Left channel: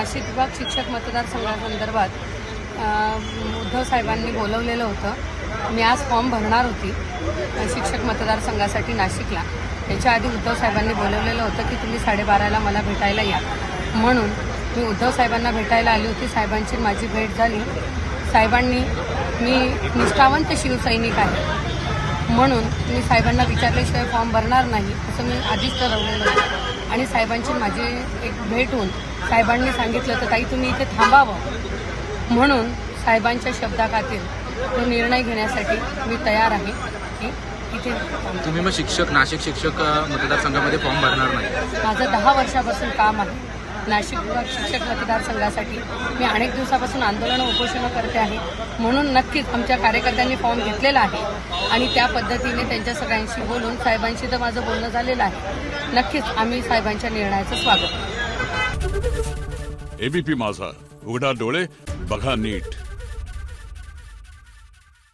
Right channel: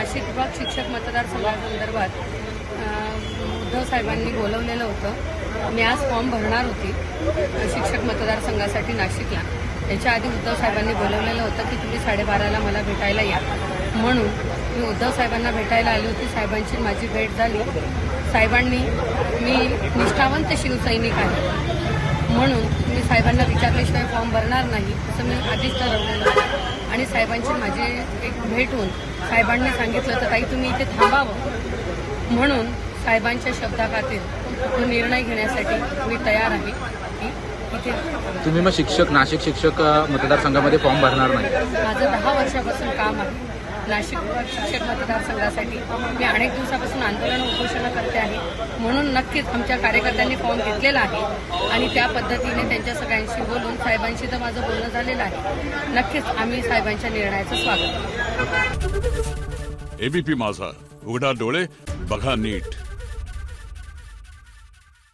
नाशिक विभाग शिक्षक मतदारसंघासंदर्भात उद्धव साहेबांनी बोलवलेलं होतं। मी आज फॉर्म भरणार होती शिक्षक मतदारसंघासाठी नाशिकला। याच्या आधी उद्धव साहेबांनी बोलवलेलं होतं की तुम्ही 12:30ला मला भेटायला या, म्हणून मी उद्धव साहेबांना भेटायला आली होती। साहेबांची माझी भेट झाली। साहेबांनी मी निष्ठावंत शिवसैनिक आहे म्हणून मी साहेबांना विचारल्याशिवाय फॉर्म भरणार नाही असं मी आधीच ठरवलेलं होतं। आणि साहेबांची माझी एक भेट होऊन साहेबांनी सांगितलं तर ताई तुम्ही इथे थांबावं, म्हणून साहेबांच्या शब्दाखातीर तो निर्णय घेण्यासाठी मी तयार आहे की इथे। तुम्ही मग नाशिक शिक्षक मतदारसंघामध्ये फॉर्म भरणार नाही? माझं 10 वर्षापासून काम आहे नाशिक विभाग शिक्षक मतदारसंघासाठी। मी अनेक दिवसापासून आंदोलन उपोषण करते आहे, म्हणून नक्कीच आमच्या कार्यकर्त्यांनी फॉर्म घेतलेला आहे आणि त्या पद्धतीने त्यांच्या सगळ्यांशी बोलून साहेबांशी तर माझं बोलणं झालेलं आहे। नक्कीच आम्ही साहेबांच्या निर्णयाचं स्वागत करू। एबीपी माझा, उघडा डोळे बघा नीट।